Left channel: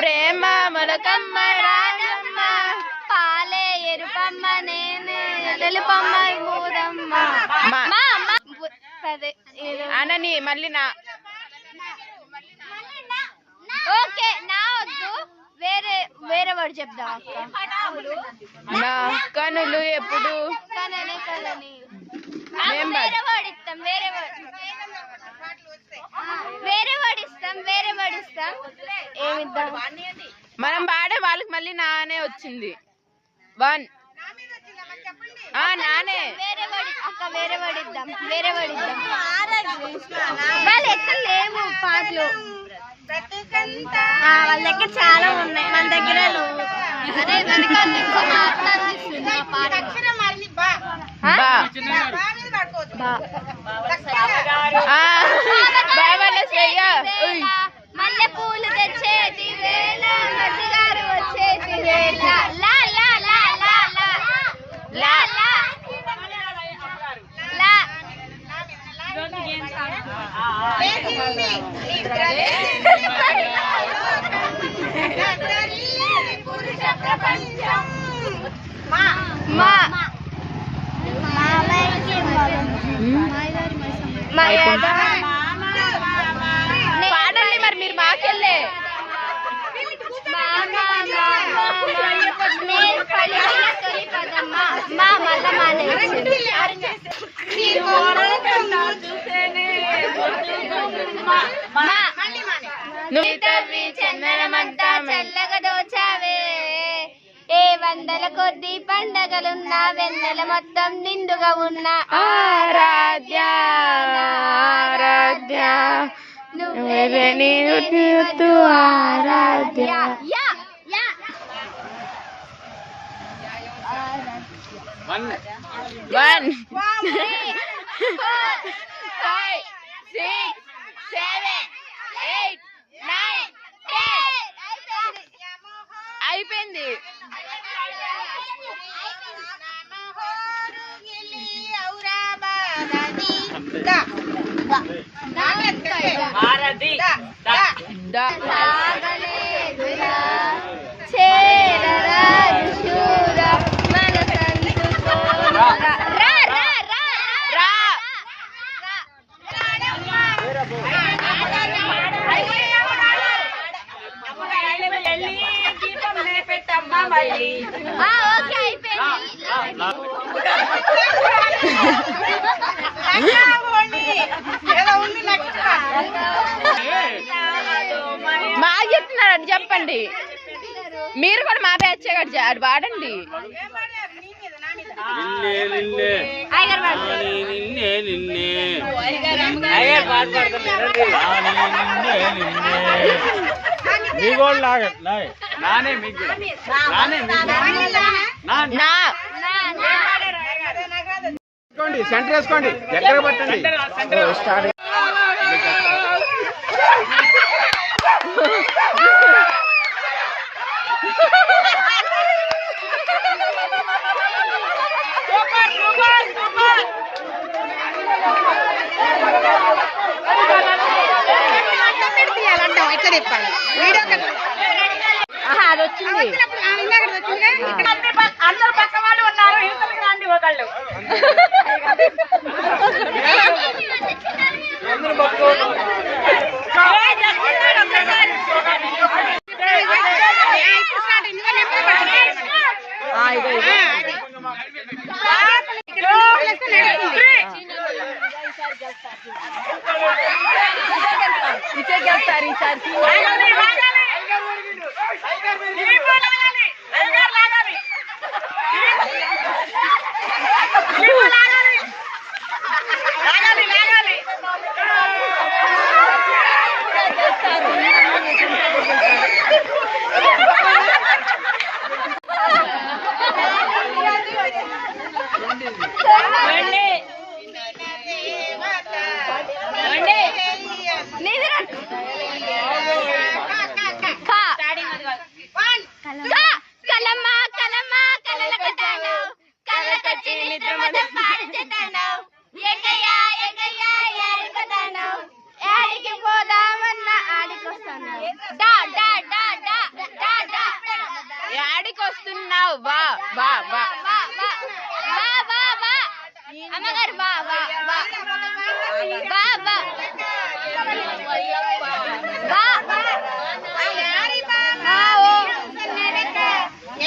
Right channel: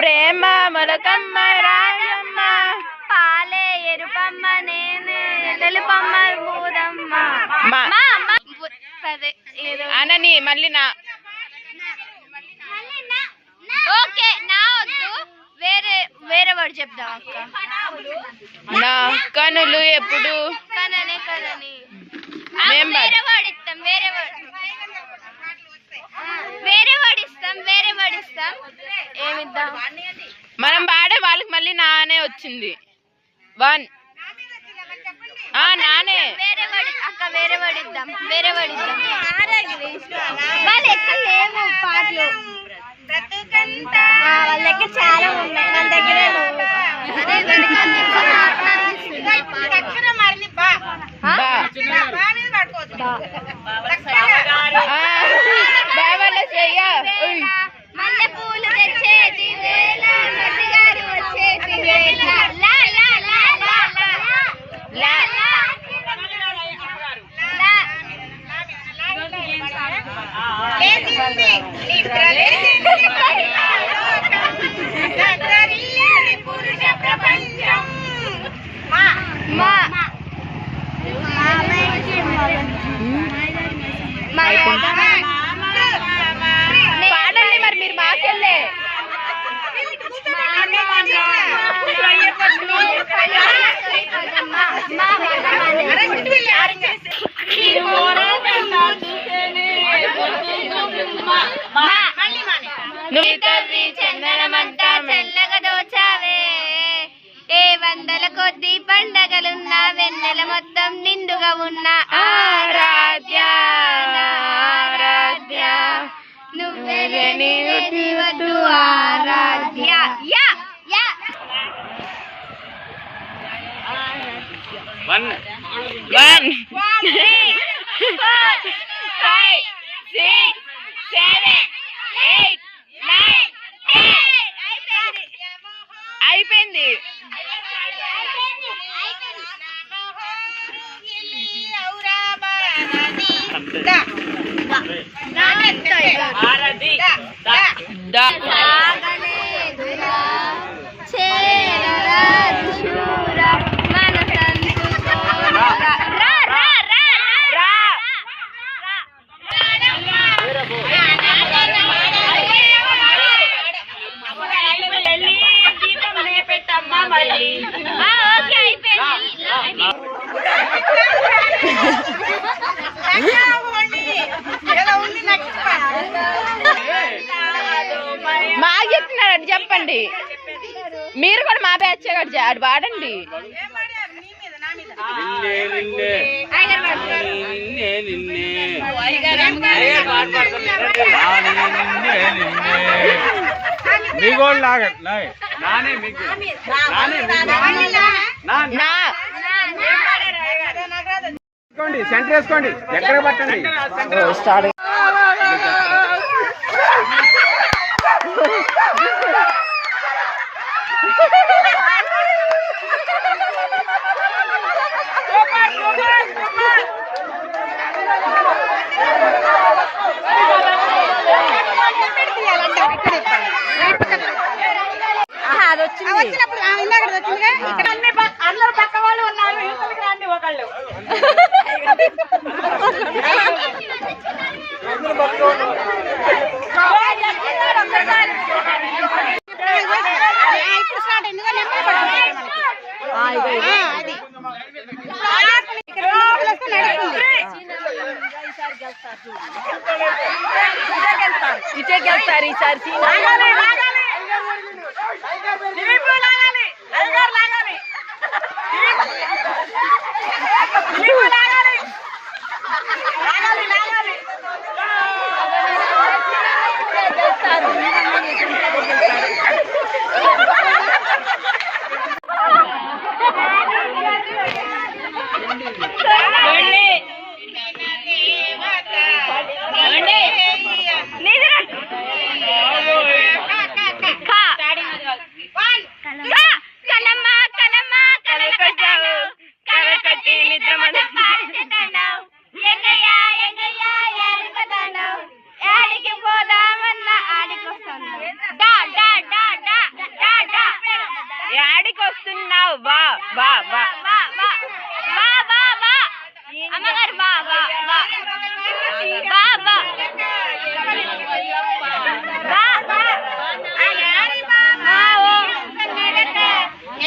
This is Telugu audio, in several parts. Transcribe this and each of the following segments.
ప్రేమ మొలకమ్మ రాజమ్మ పాలే ఎరుపమ్మ నేను తెలుపమ్మ మూదమ్మ అనని మళ్ళీ నా ఓకే నా వద్దు వేరే వేరే వాడు చెప్దాం అక్క. నా కనులు ఎప్పుడు కనని కనని వేరే వాడిస్తాం వేరే వాడిస్తాం ఏమిద్దాం మనం పాడే వాళ్ళకి మళ్ళీ నానే వచ్చింది. 1 నానే వేరే వాడి అక్క వేరే వాడిద్దాం వాళ్ళు ఎక్కడ లేవు పాటలు వాళ్ళ దగ్గర చాలా ఉన్నాయి మన దగ్గర మల్లె పూలు తెచ్చేది వేళ గారు వచ్చేది వేళ లా లా లా లా లా లా లేచింది నిద్ర లేచింది పురుష ప్రపంచం మా మా పాడండి మరి మీరు మాకెళ్ళే చందనమంతా చల్లగా దోచావే ఏ వందల కొద్ది పండగలున్నా వెన్నెల మొత్తం నిండుగా ఉన్న ఆరాధ్య నువ్వే ఆరాధ్య. 1 2 3 4 5 6 7 8 9 10 అయిపోయింది. పెట్టమ్మా మళ్ళీ మాకు చెప్తున్నాడు చెప్పండి. మీరు కూడా మా బ్యాచ్ అది వాడండి. సెంటర్ వేసుకోండి, ఎక్కడ పట్టండి. అది వచ్చింది. అందరూ పక్క వాళ్ళు ఉన్నారు ఒకళ్ళు ఈసారి వచ్చి నిద్ర యాడికి పోదామన్నా ఆడికి వస్తాను యాడికి వస్తున్నావు వా వా వా అమ్మగారు బా బా బా బా బా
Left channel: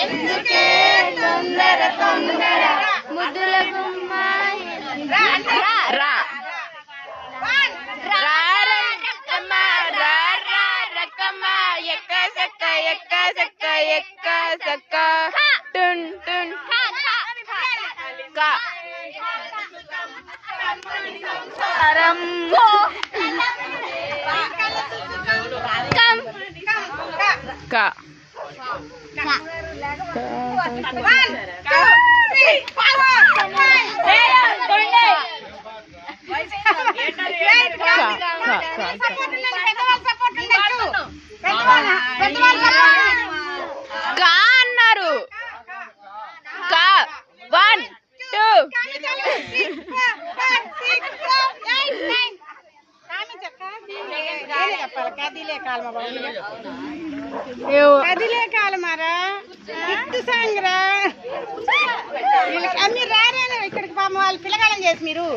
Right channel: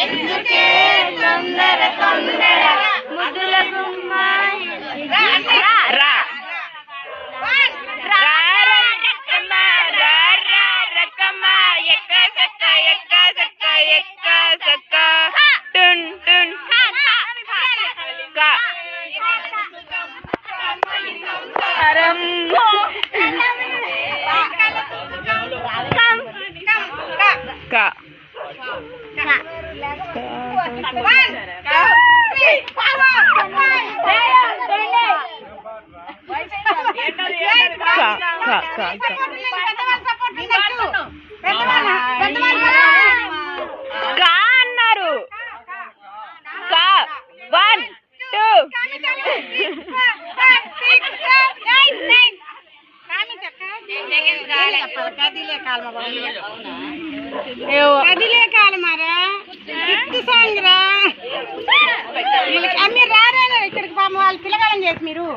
ఎందుకే తొందర తొందర ముద్దుల గుమ్మ రా రకమ్మ ఎక్క సక్క ఎక్క సక్క ఎక్క సక్క టున్ టున్ కా కా కా అన్నారు కా 1 2 కదిలే కాలమారా ఇత్తు సాంగ్రా మీరు రారా ఇక్కడికి పాపం వాళ్ళు పిల్లగాలం చేసి మీరు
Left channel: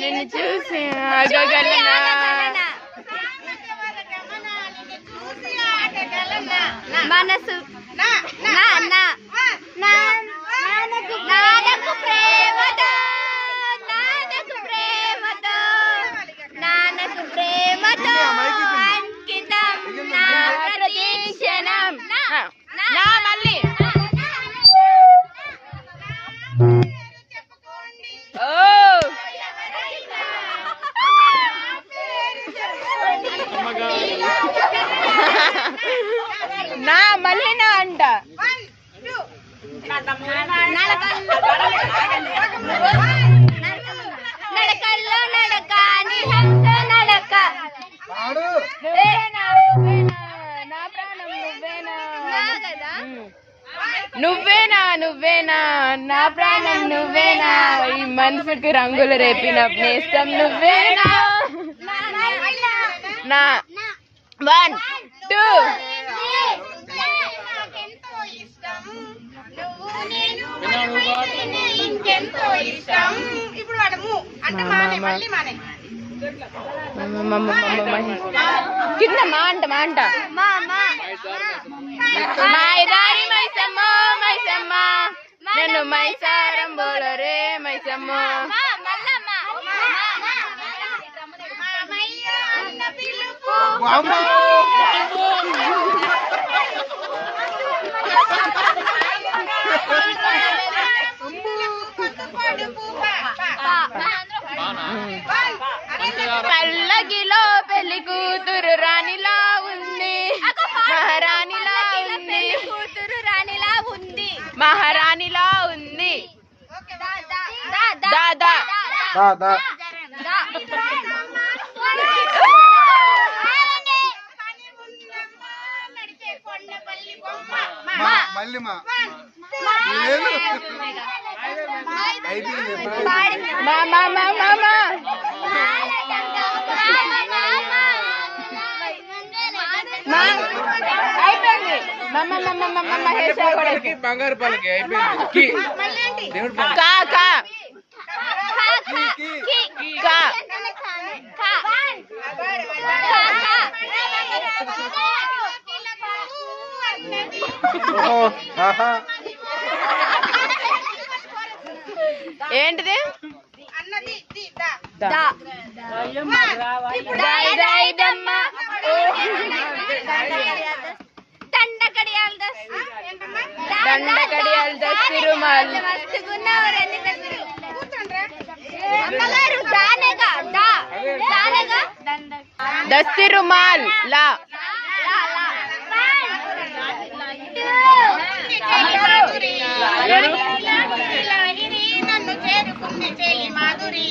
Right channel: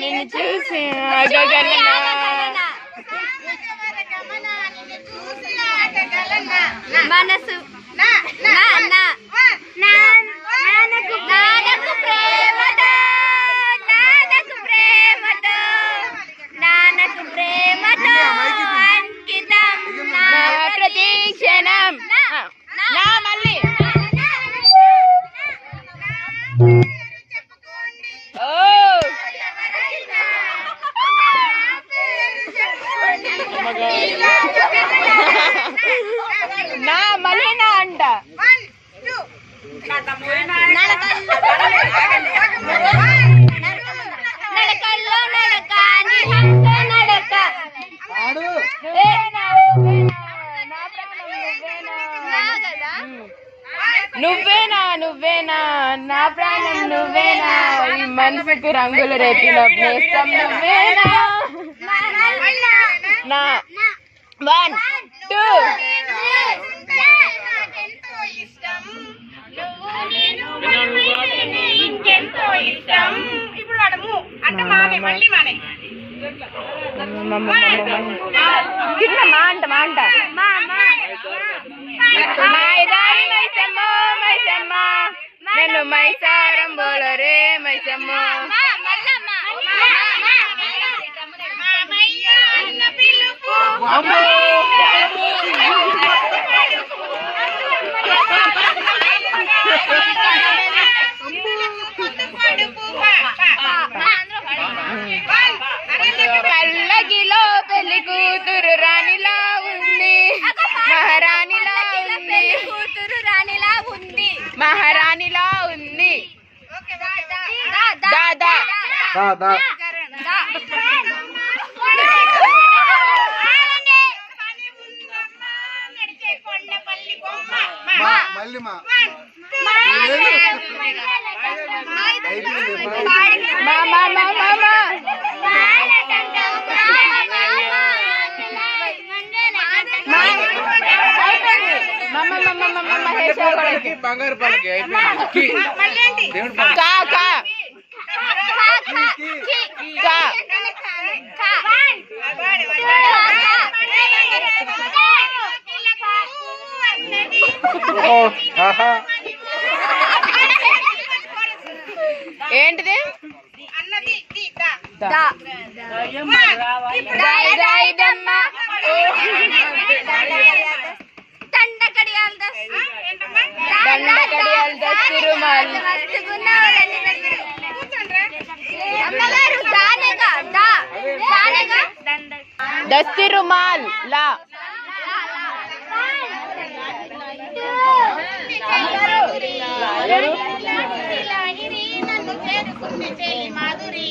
నిన్ను చూసి ఆగగలనా మనసు నాన్నకు ప్రేమతో అంకితం నా ప్రతి క్షణం నా మళ్ళీ ఓ నా మళ్ళీ నా అంట నడకల్లో నడక నిహంతో నడక నువ్వేనా నువ్వేనా నా ప్రాణం నువ్వేనా ఈ మనసుకి రంగులు రేపిన నేస్తం నువ్వేనా నా 1 2 ఇంకెంతో ఇష్టం ఇప్పుడు వాడము అంటే మానే మళ్ళీ మానే కింద మా అంట మైదారి మైసమ్మ మైసమ్మ నన్ను మైసారం బోలరే మైసమ్మ అన్న పిలుపు పల్లకిలో పెళ్లి కూతురు రాణిలా ఉంది మహారాణిలా ఉంది మహారాణిలా ఉంది దాదా మామా అయిపోయింది బంగారు పాలకి కా కా కా ఏంటిది దండకడియాలు దస్తిరుమాల్ దస్తిరుమాల్ లా చెలి మాధురి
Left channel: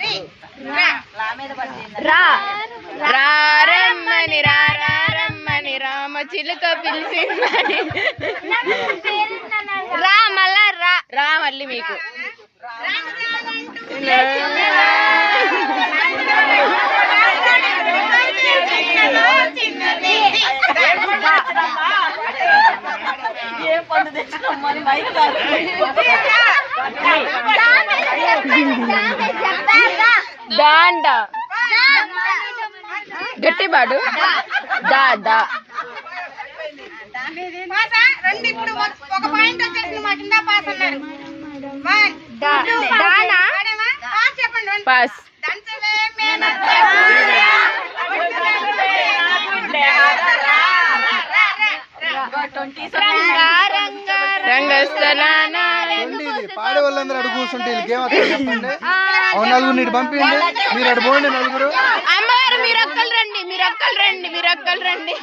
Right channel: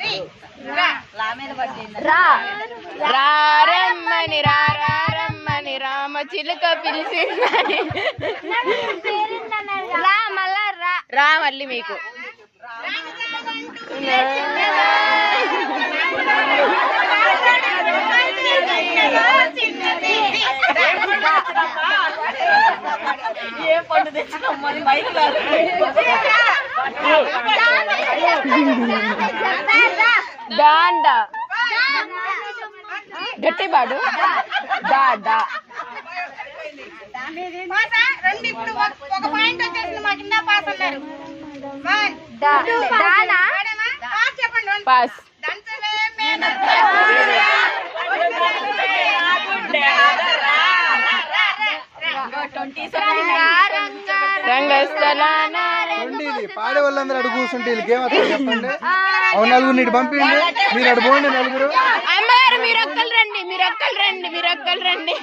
రి రా రా రారమ్మని రారమ్మని రామ చిలుక పిలిచిందని రా మళ్ళా రా రా మళ్ళీ మీకు చిన్నది దాండ గట్టి పాడు దా దా పాసా రెండు ఇప్పుడు ఒక పాయింట్ వచ్చేసింది మా కింద పాస్ అన్నారు దానా పాస్ చెప్పండి పాస్ దంచవే మేన రంగస్థలాన ఇది పాడే వాళ్ళందరూ అడుగు కూర్చుంటే వీళ్ళకి ఏమవుతుంది చెప్పండి అవును నలుగురు నీటి పంపించండి మీరు అటు పోండి నలుగురు అమ్మగారు మీరు ఒక్కరు రండి మీరు ఒక్కరు రండి మీరు ఒక్కరు రండి